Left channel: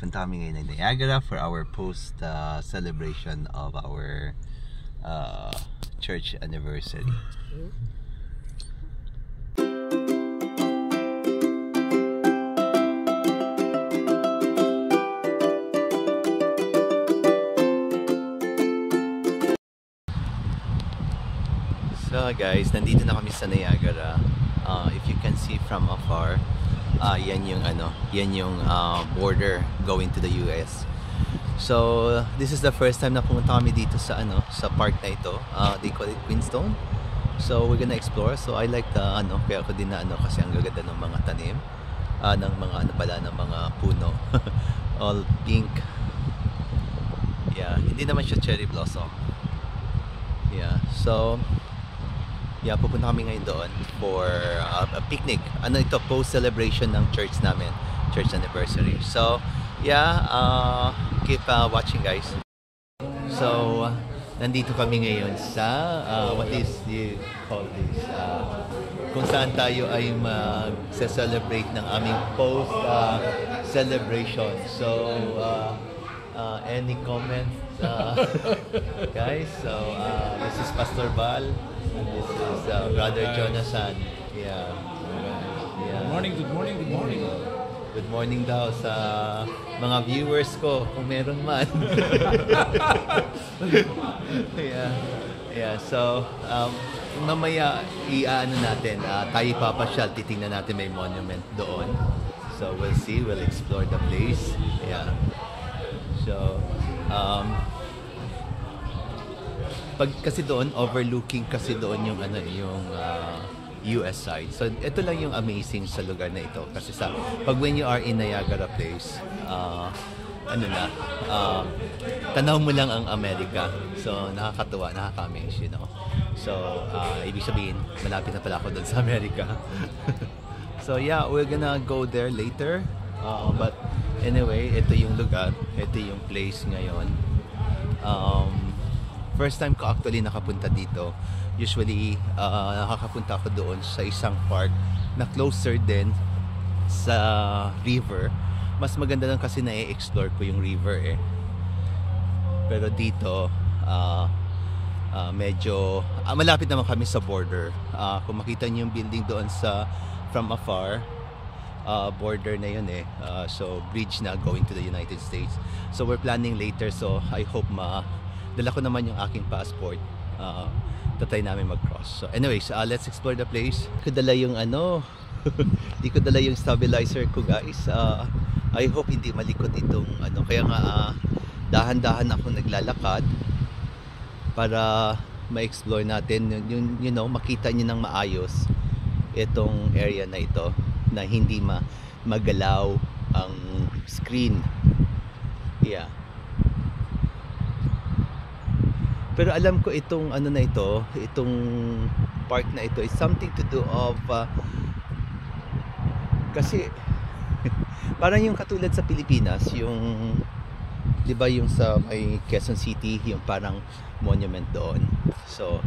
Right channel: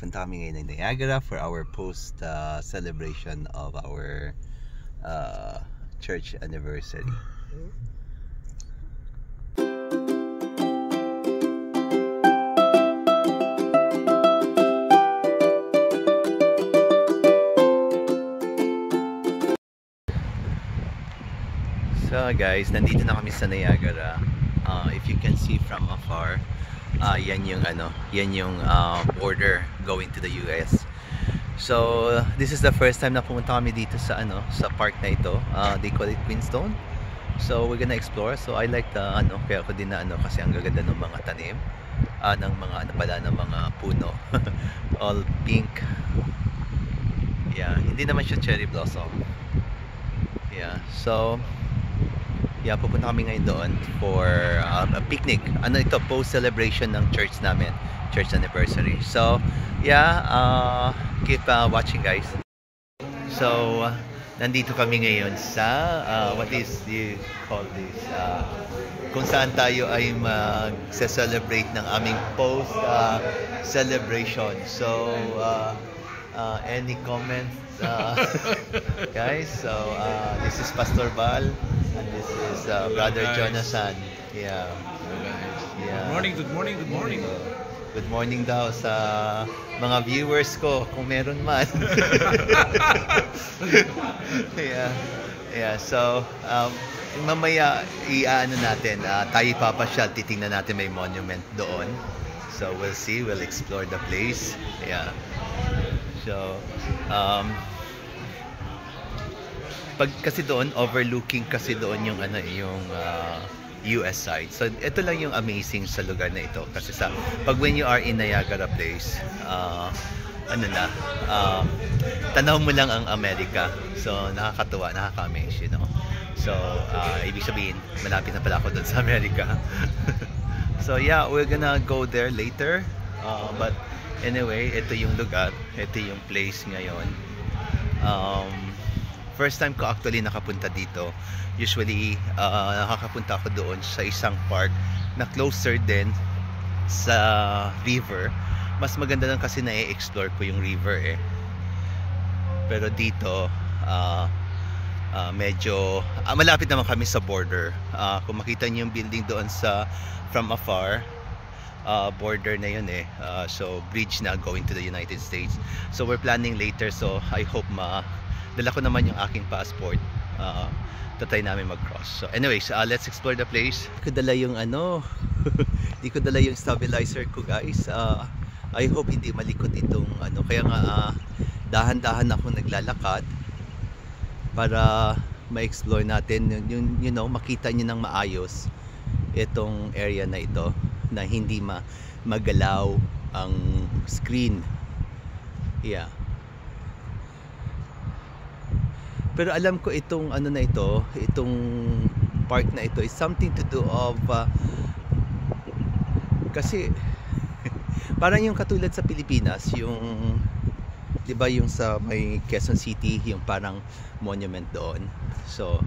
Punta kami ngayon ng Niagara for our post celebration of our church anniversary. So guys, nandito na kami sa Niagara. If you can see from afar, yan yung border going to the US. So this is the first time na pumunta kami dito sa sa park na ito. They call it Queenstone. So we're gonna explore. So I like the kaya ako din na kasi ang gaganda ng mga tanim, ng mga ng mga puno. All pink. Yeah, hindi naman siya cherry blossom. Yeah, so yeah, pupunta kami ngayon doon for a picnic. Ito, post-celebration ng church namin. Church anniversary. So, yeah, keep watching guys. So, nandito kami ngayon sa, what is you call this? Kung saan tayo ay mag-celebrate ng aming post-celebration. So, any comments? Guys, so this is Pastor Val. This is Brother Jonathan. Yeah. Good morning, good morning, good morning. Good morning daw sa mga viewers ko, kung meron man. Yeah. So, mamaya natin, tayo papasyal, titingnan natin may monument doon. So, we'll see, we'll explore the place. Yeah. So, kasi doon overlooking kasi doon yung US side. So ito lang yung amazing sa lugar na ito kasi pag when you are in Niagara Place, tanaw mo lang ang Amerika. So nakakatuwa, nakaka-amaze, you know. So ibig sabihin malapit na pala ako doon sa Amerika. So yeah, we're gonna go there later. But anyway, ito yung lugar, ito yung place ngayon. First time ko actually nakapunta dito. Usually, nakakapunta ako doon sa isang park na closer din sa river. Mas maganda lang kasi na-explore ko yung river eh. Pero dito, medyo malapit naman kami sa border. Kung makita niyo yung building doon from afar, border na yun eh. So bridge na going to the United States. So we're planning later, so I hope dala ko naman yung aking passport. Tatry namin mag-cross. So anyways, let's explore the place. Di ko dala yung di ko dala yung stabilizer ko guys. I hope hindi malikot itong kaya nga dahan-dahan ako naglalakad para ma-explore natin yung makita niyo ng maayos itong area na ito, na hindi magalaw ang screen. Yeah. Pero alam ko itong itong park na ito is something to do of kasi parang yung katulad sa Pilipinas, yung 'di ba yung sa may Quezon City, yung parang monument doon. So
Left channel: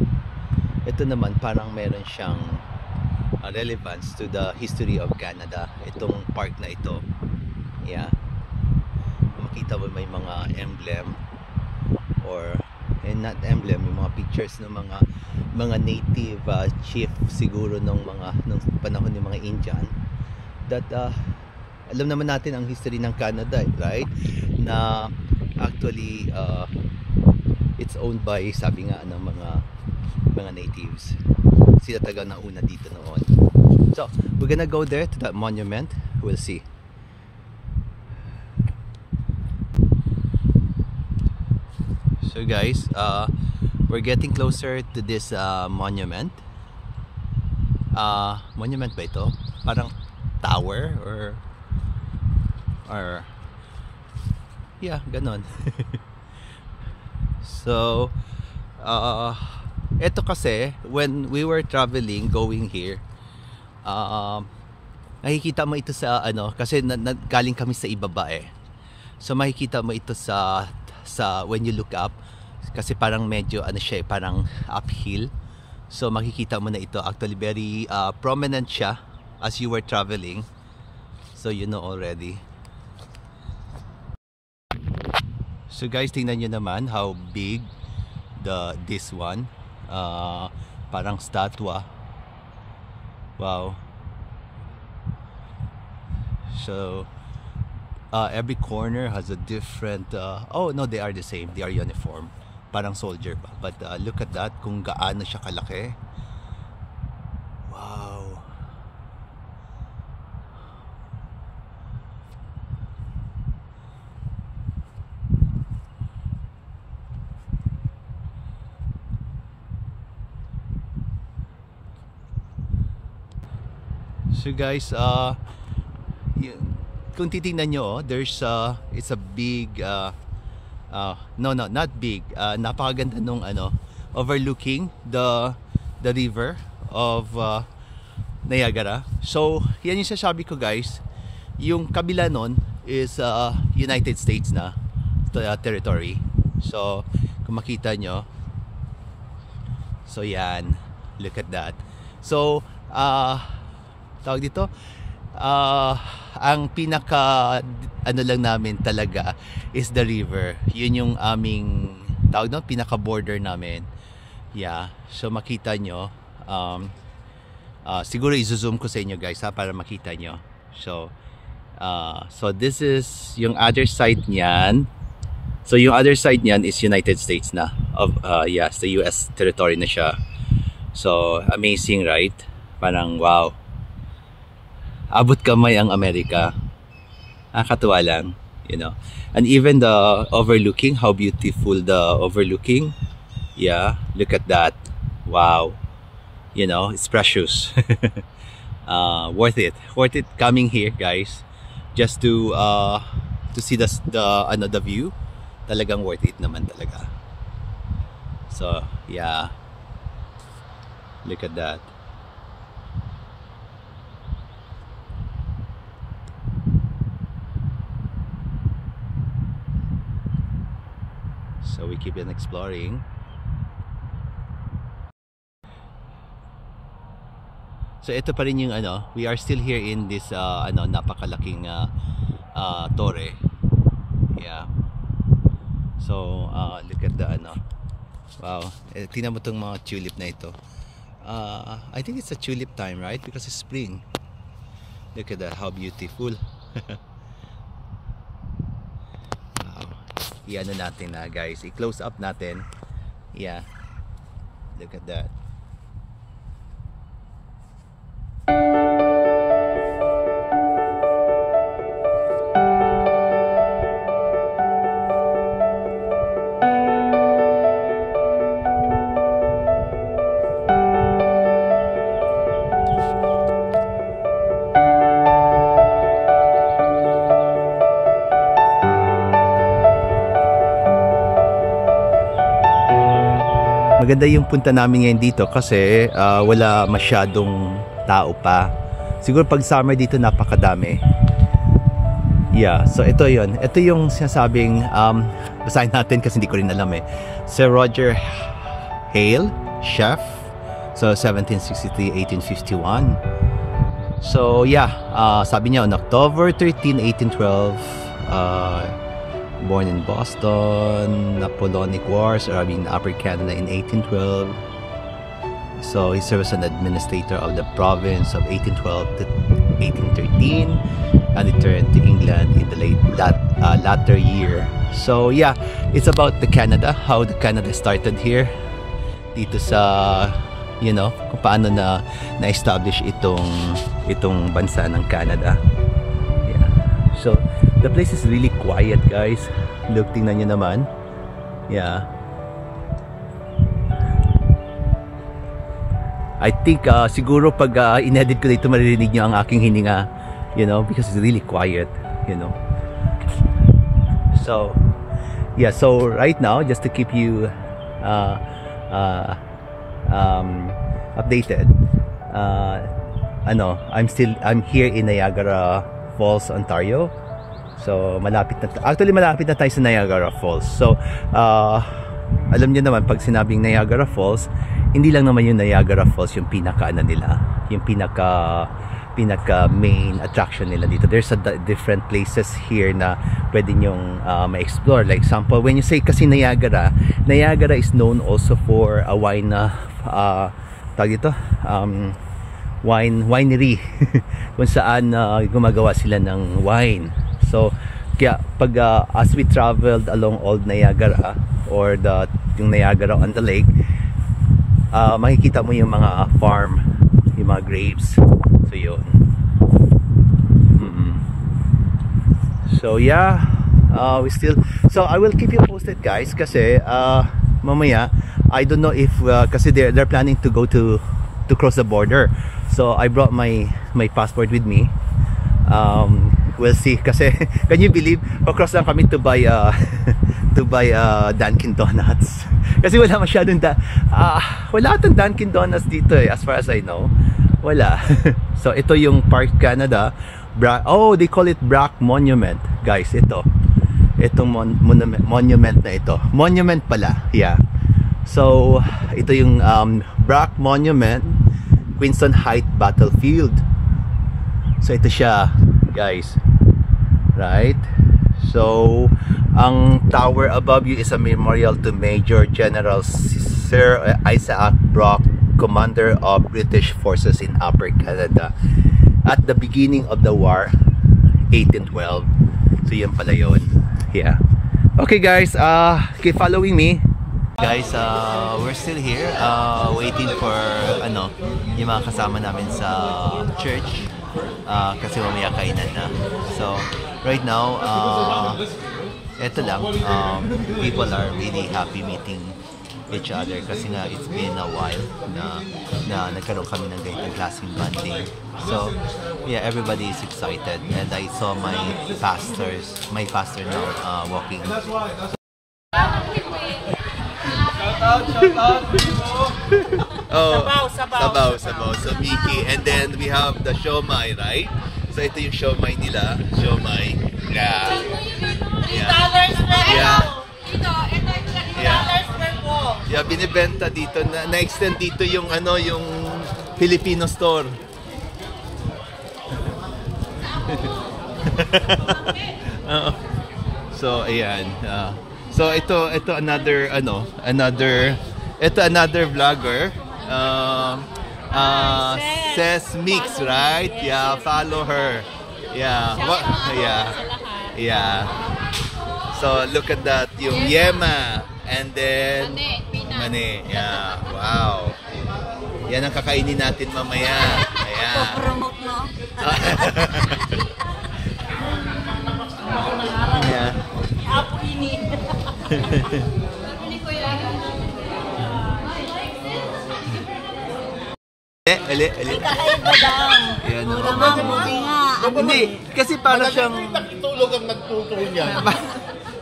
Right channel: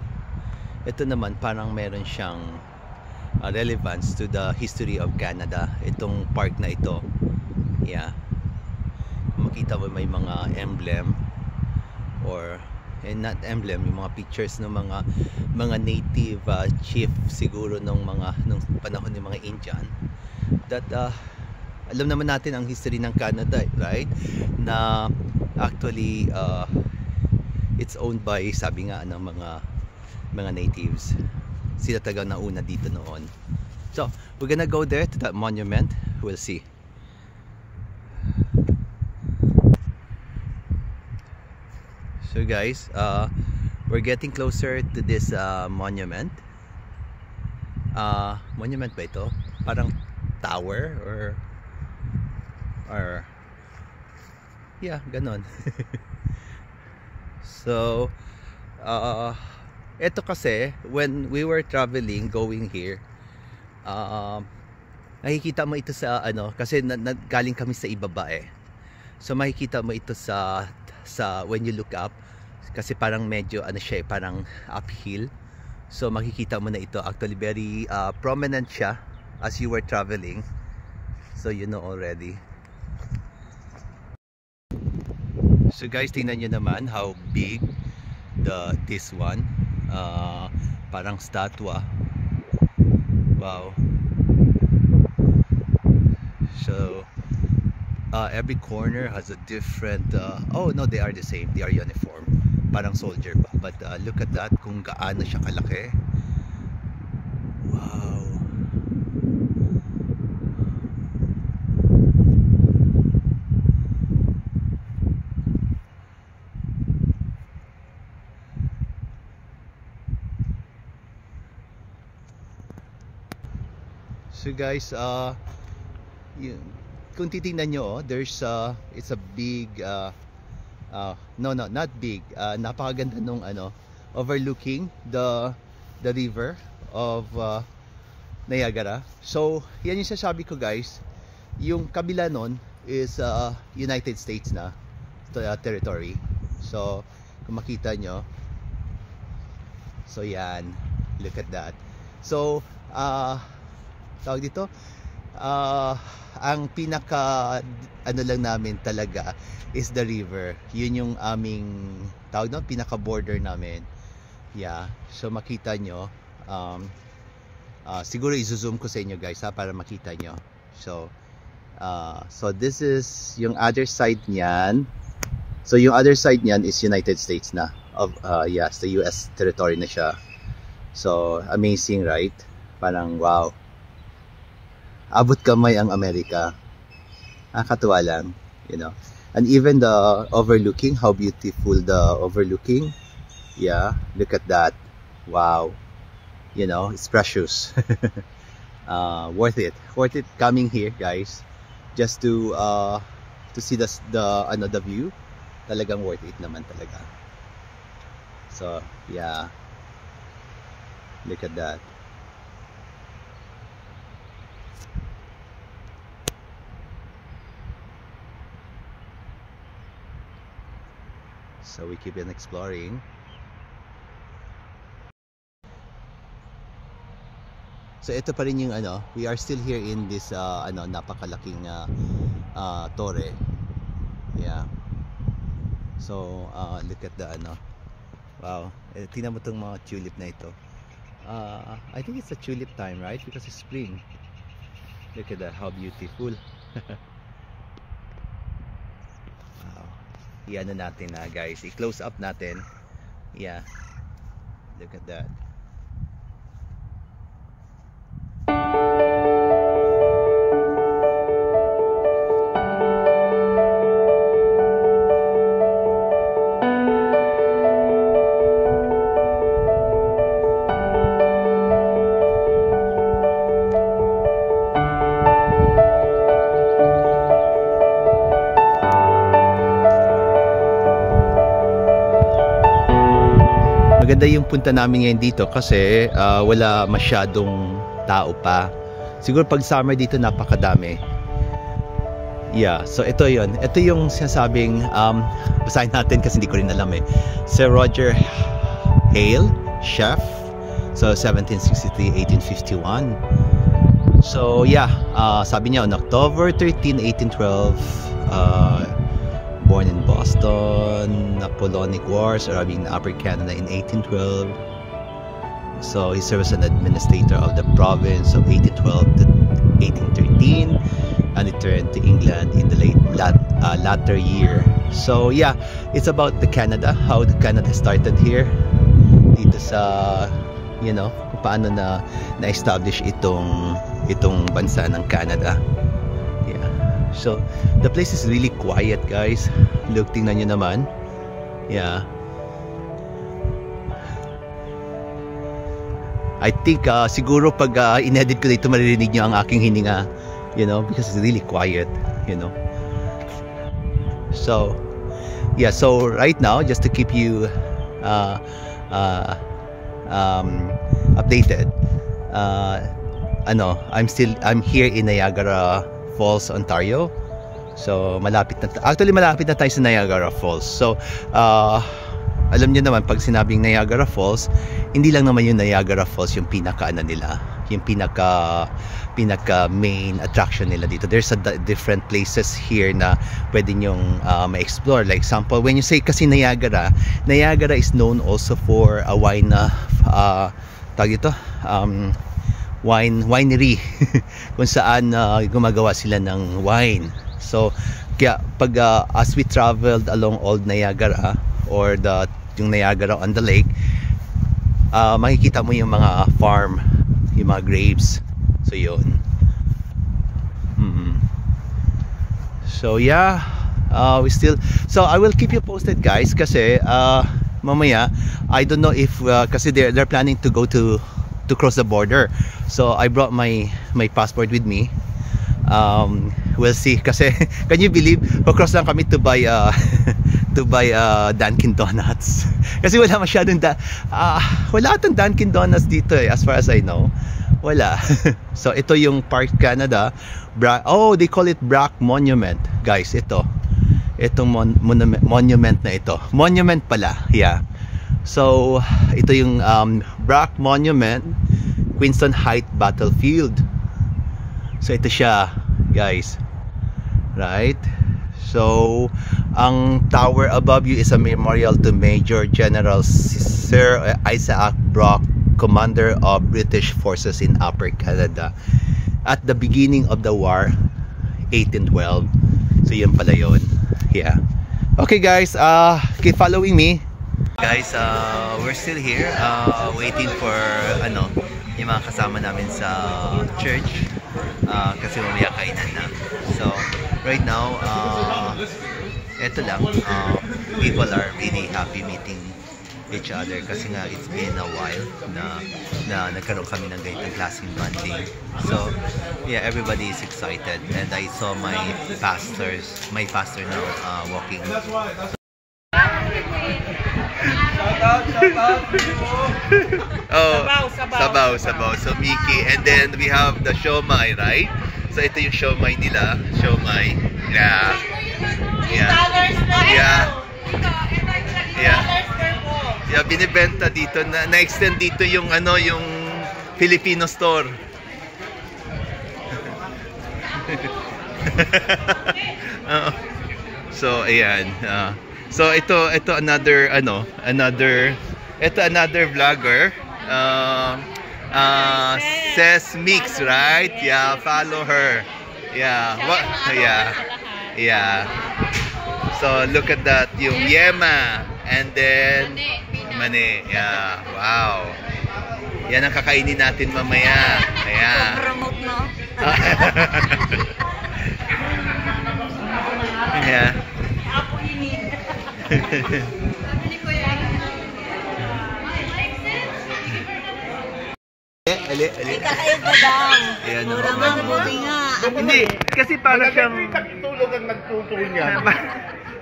ito naman parang meron siyang relevance to the history of Canada, itong park na ito. Yeah. Makita mo may mga emblem not emblem, yung mga pictures ng mga native chief siguro nung panahon ng mga Indian that alam naman natin ang history ng Canada, right? Na actually it's owned by, sabi nga ng mga natives. Sila taga nauna dito noon. So we're gonna go there to that monument. We'll see. So guys, we're getting closer to this monument. Monument ba ito? Parang tower or yeah, ganon. So Ito kasi, when we were traveling, going here, nakikita mo ito sa ano, kasi galing kami sa ibaba eh. So makikita mo ito sa when you look up, kasi parang medyo ano siya, parang uphill. So makikita mo na ito, actually very prominent siya as you were traveling. So you know already. So guys, tingnan nyo naman how big this one. Parang statwa. Wow. So every corner has a different oh no, they are the same, they are uniform, parang soldier ba. But look at that, kung gaano siya kalaki. Wow. So guys, kung titingnan nyo, there's it's a big no, not big, napakaganda nung ano, overlooking the river of Niagara. So yan yung sasabi ko guys, yung kabila nun is United States na territory. So kung makita nyo, so yan, look at that. So tawag dito, ang pinaka ano lang namin talaga is the river. Yun yung aming tawag doon, pinaka border namin. Yeah, so makita nyo, siguro i-zoom ko sa inyo guys ha, para makita nyo. So so this is yung other side niyan. So yung other side niyan is United States na, of yes, the US territory na siya. So amazing, right? Parang wow, abot kamay ang Amerika. Nakakatuwa lang, you know. And even the overlooking, how beautiful the overlooking. Yeah, look at that. Wow. You know, it's precious. Worth it coming here, guys, just to see the view. Talagang worth it naman talaga. So, yeah. Look at that. So we keep on exploring. So ito pa rin yung ano, we are still here in this napakalaking torre. Yeah. So look at the ano. Wow. Tingnan mo tong mga tulip na ito. I think it's a tulip time, right? Because it's spring. Look at that, how beautiful. Iyan na natin na guys, i-close up natin. Yeah, look at that. Maganda yung punta namin ngayon dito kasi wala masyadong tao pa. Siguro pag summer dito napakadami. Yeah, so ito yun. Ito yung sinasabing, basahin natin kasi hindi ko rin alam eh. Sir Roger Hale, chef. So 1763-1851. So yeah, sabi niya on October 13, 1812, born in Boston, Napoleonic Wars arriving in Upper Canada in 1812. So he served as an administrator of the province of 1812 to 1813 and returned to England in the latter year. So yeah, it's about the Canada, how the Canada started here dito sa, you know, kung paano na-establish itong bansa ng Canada. So the place is really quiet guys. Look, tingnan nyo naman. Yeah, I think siguro pag inedit ko dito maririnig nyo ang aking hininga, you know, because it's really quiet, you know. So yeah, so right now, just to keep you updated. I'm here in Niagara Falls, Ontario. So malapit na tayo sa Niagara Falls. So alam niyo naman, pag sinabing Niagara Falls, hindi lang naman yung Niagara Falls yung pinaka nila, yung pinaka main attraction nila dito. There's different places here na pwede nyong ma-explore. Like example, when you say kasi Niagara is known also for a wine winery kung saan gumagawa sila ng wine. So kaya pag as we traveled along Old Niagara or yung Niagara on the lake, makikita mo yung mga farm, yung mga grapes. So yun. So yeah, so I will keep you posted, guys, kasi mamaya I don't know if kasi they're planning to go to cross the border. So I brought my passport with me. We'll see, kasi can you believe, across lang kami to buy Dunkin Donuts kasi wala masyadong wala atang Dunkin Donuts dito as far as I know. Wala. So ito yung Park Canada, they call it Brack Monument, guys. Itong monument na ito, monument pala, yeah. So ito yung Brack Monument, Queenston Heights Battlefield. So ito siya, guys, right? So ang tower above you is a memorial to Major General Sir Isaac Brock, commander of British forces in Upper Canada at the beginning of the war, 1812. So yun pala yun. Yeah. Okay, guys, keep following me. Guys, we're still here waiting for yung mga kasama namin sa church kasi mamaya kainan na. So right now, eto lang, people are really happy meeting each other kasi nga it's been a while na nagkaroon kami ng ganitong klaseng bonding. So yeah, everybody is excited, and I saw my pastor now walking. Sabaw. So Mickey, and then we have the siomai, right? So ito yung siomai nila, siomai. Yeah. Yeah, binibenta dito na-extend dito yung yung Filipino store. So ayan. So ito another vlogger. Says Mix, right? Yeah, follow her. Yeah. Yeah. So look at that, yung Yema, and then Mane. Yeah. Wow. Yan ang kakainin natin mamaya. Ayan. Yeah. Kakaiba daw. Ayan o. Hindi, kasi para siyang tulog ang nagtutulog niya.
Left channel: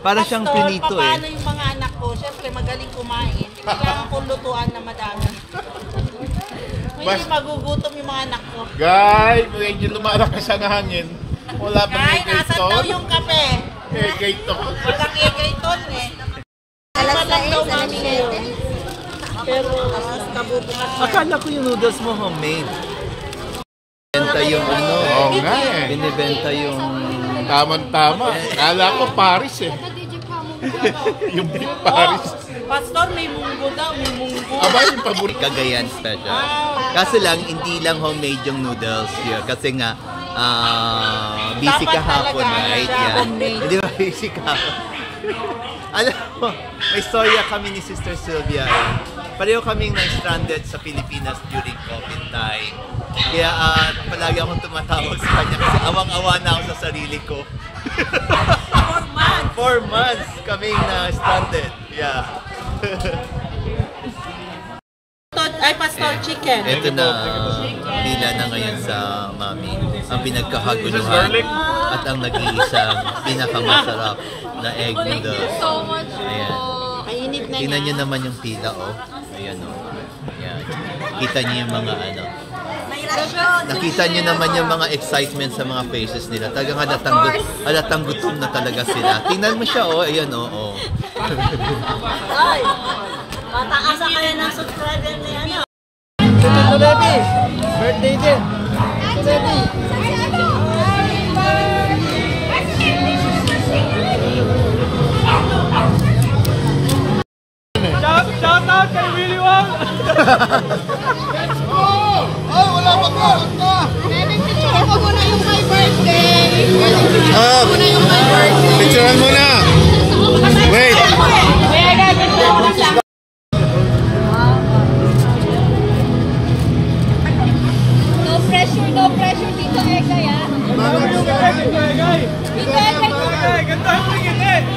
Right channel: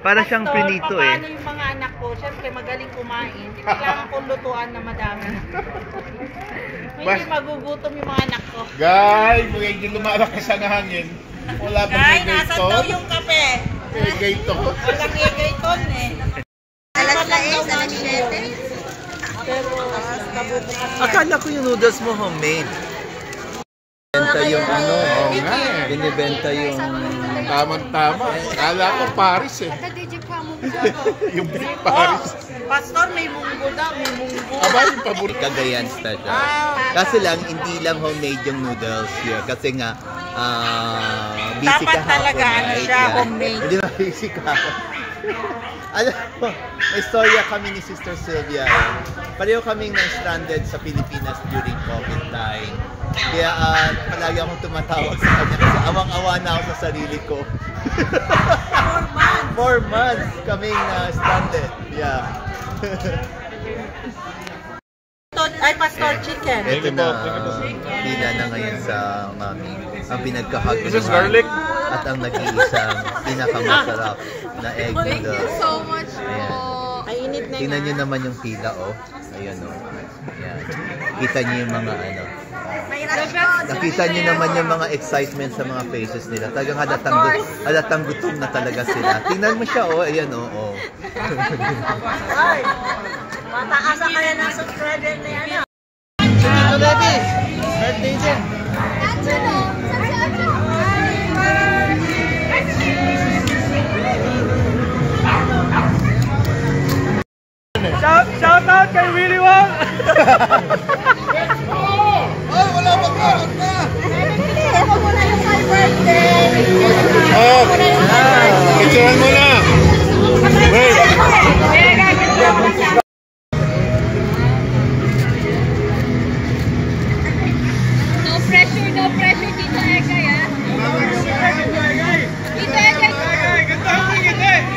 Para siyang pinito eh. Paano yung mga anak ko? Siyempre magaling kumain. Kailangan kong lutuan na madami. Hindi magugutom yung mga anak ko. Guys, medyo lumalakas ang hangin. Wala pang egay to. Nasan daw yung kape? Egay to. Walang egay to eh. Alas 6, pero nabubukas. Akala ko yung noodles mo homemade. Binibenta yung Oo nga eh. Binibenta yung Tama. Akala ko Paris eh. Yung Big Paris. Pastor, may munggo daw. May munggo. Aba, yung paborito. Cagayan special. Kasi lang, hindi lang homemade yung noodles here. Kasi nga, busy Dapat kahapon, talaga, right? siya homemade. Hindi ba busy kahapon? Alam mo, may storya kami ni Sister Sylvia eh. Pareho kaming na-stranded sa Pilipinas during COVID time. Kaya palagi akong tumatawag sa kanya kasi awang-awa na ako sa sarili ko. 4 months kaming na-stranded. Yeah. Ay, Pastor, chicken. Ito na, pila na ngayon sa Mami. Ang pinagkakaguluhan at ang nag-iisang pinakamasarap na egg noodles. Ayan. Mainit na Tingnan nyo naman yung pila, oh. Ayan, oh. Yan. Kita niyo yung mga ano. Nakita niyo naman yung mga excitement sa mga faces nila. Talagang halatang gutom na talaga sila. Tingnan mo siya, oh. Ayan, oh. Oh. Mataasan kayo ng subscriber na yan. Birthday din. Shout out kay Willie Wang! Oh, picturean mo na. Wait. No pressure, Tito Egay, ah. Tito Egay,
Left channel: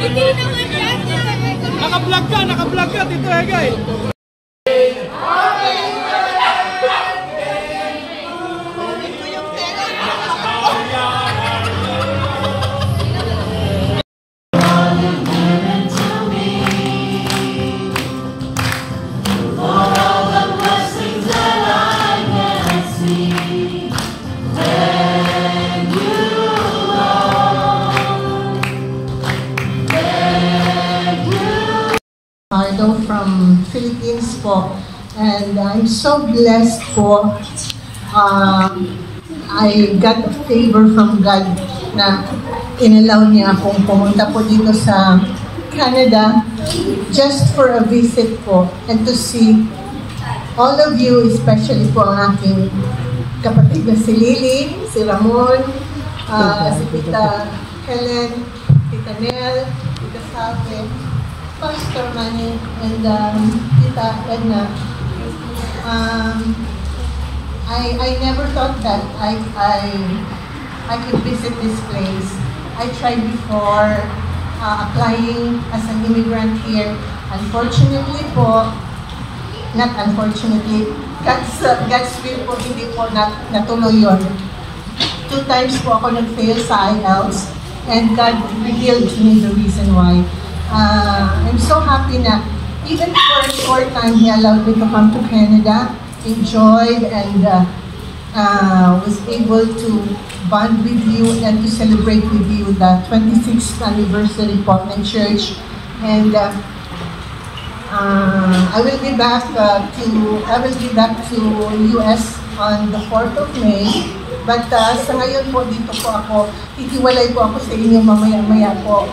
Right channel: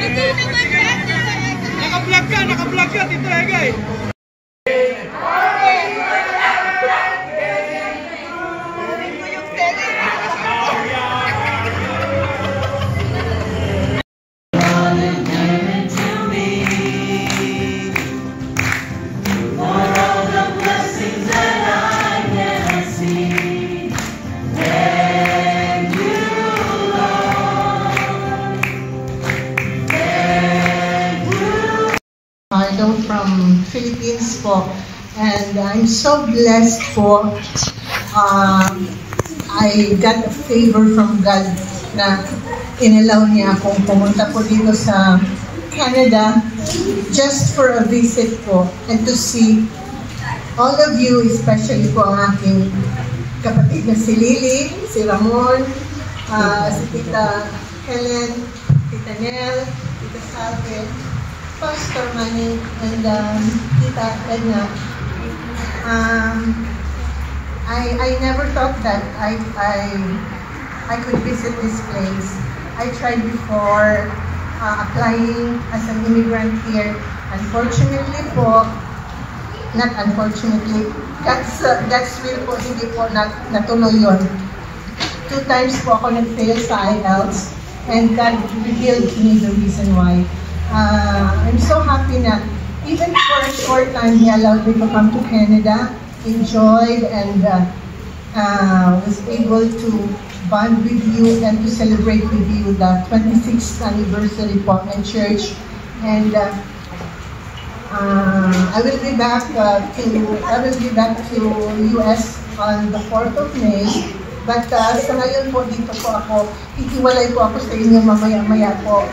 hindi naman yan, Tito Egay. Naka-vlog ka, Tito Egay! Marlo from Philippines po, and I'm so blessed po. I got a favor from God na inalaw niya akong pumunta po dito sa Canada just for a visit po and to see all of you, especially po ang aking kapatid na si Lily, si Ramon, si Tita Helen, Tita Nel, Tita Salve, Pastor Manny, and Tita Edna. I never thought that I could visit this place. I tried before applying as an immigrant here. Unfortunately po, not unfortunately, God's will po, hindi po natuloy yun. 2 times po ako nag-fail sa IELTS, and God revealed to me the reason why. I'm so happy na even for a short time, He allowed me to come to Canada, enjoyed, and was able to bond with you and to celebrate with you the 26th anniversary po ng church. And I will be back to US on the 4th of May. But sa ngayon po, dito po ako, hihiwalay po ako sa inyo mamaya-maya po.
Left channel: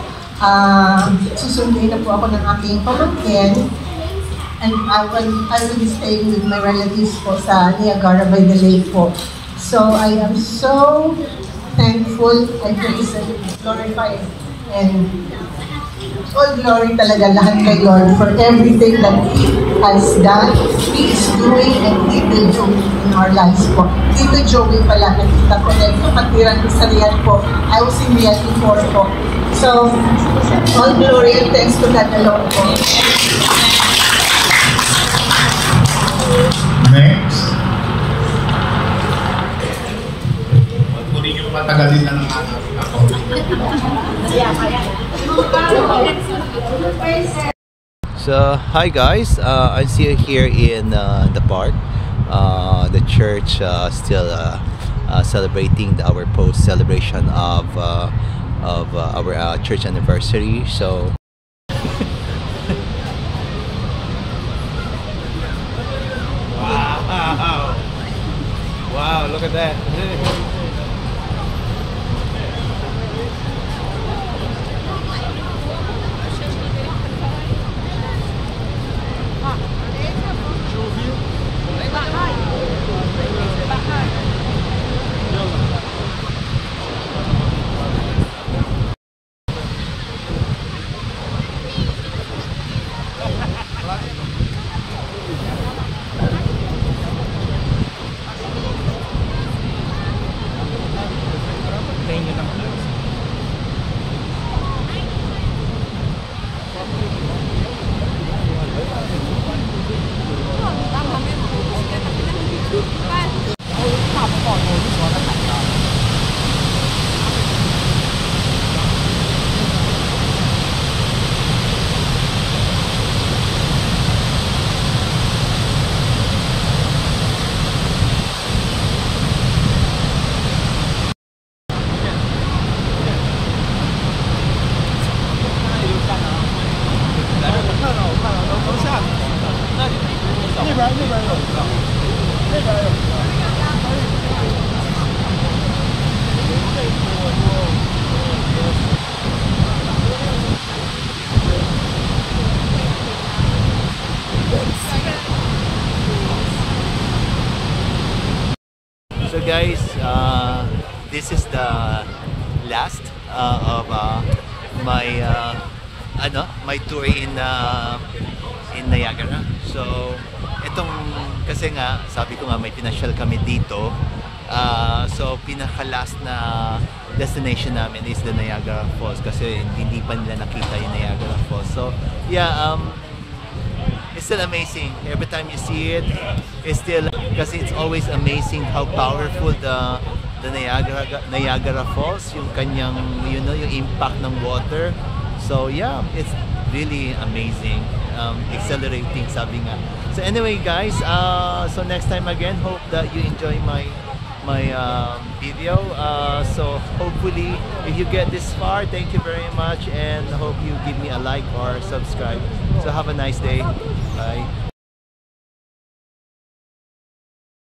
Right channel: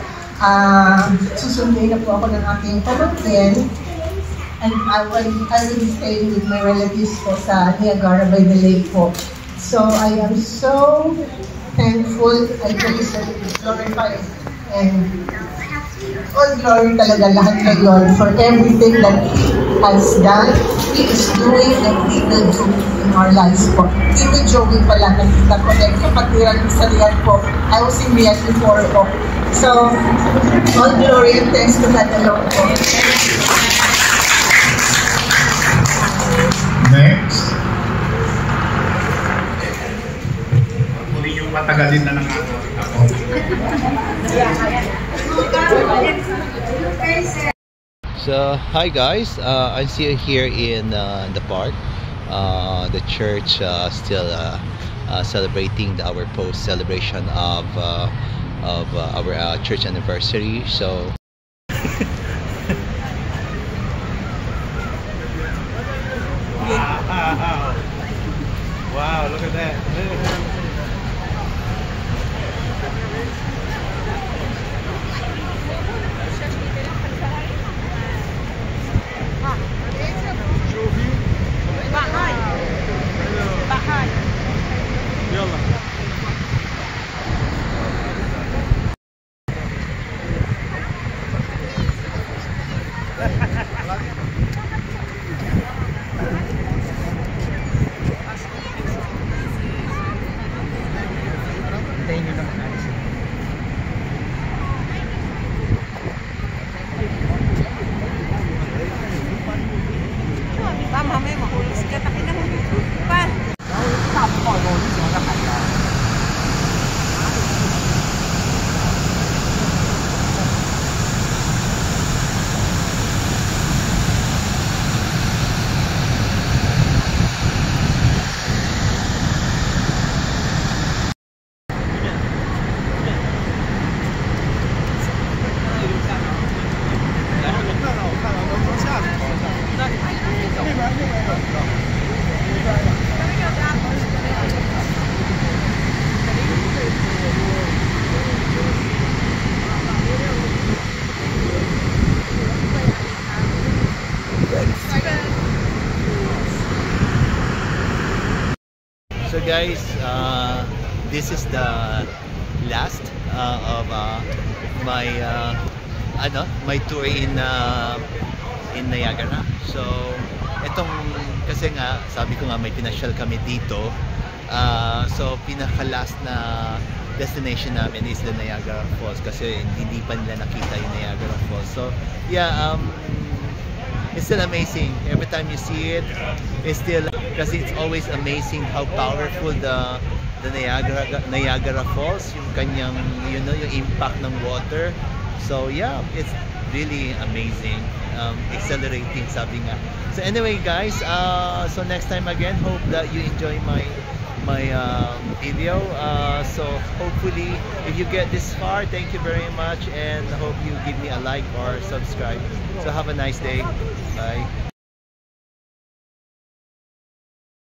Susundin na po ako ng aking pamangkin, and I will be staying with my relatives po sa Niagara by the Lake po. So I am so thankful. I praise and glorify and all glory talaga lahat kay Lord for everything that He has done, He is doing, and He will do in our lives po. Tito Joey pala, nakita ko dahil kapatiran ko sa Riyadh po. I was in Riyadh before po. So, all glory and thanks to God alone po. Next. Kunin yung matagalin ng ako. So, hi guys, I'm still here in the park. The church still celebrating our post-celebration of our church anniversary. So Wow, look at that. guys, this is the last of my my tour in Niagara. So etong kasi nga sabi ko nga may pinasyal kami dito. So pinaka-last na destination namin is the Niagara Falls kasi hindi pa nila nakita yung Niagara Falls. So yeah, it's still amazing. Every time you see it, it's still, kasi it's always amazing how powerful the Niagara Falls, yung kanyang, you know, yung impact ng water. So yeah, it's really amazing, exhilarating, sabi nga. So anyway guys, so next time again, hope that you enjoy my video. So hopefully if you get this far, thank you very much, and hope you give me a like or subscribe. So have a nice day. Bye.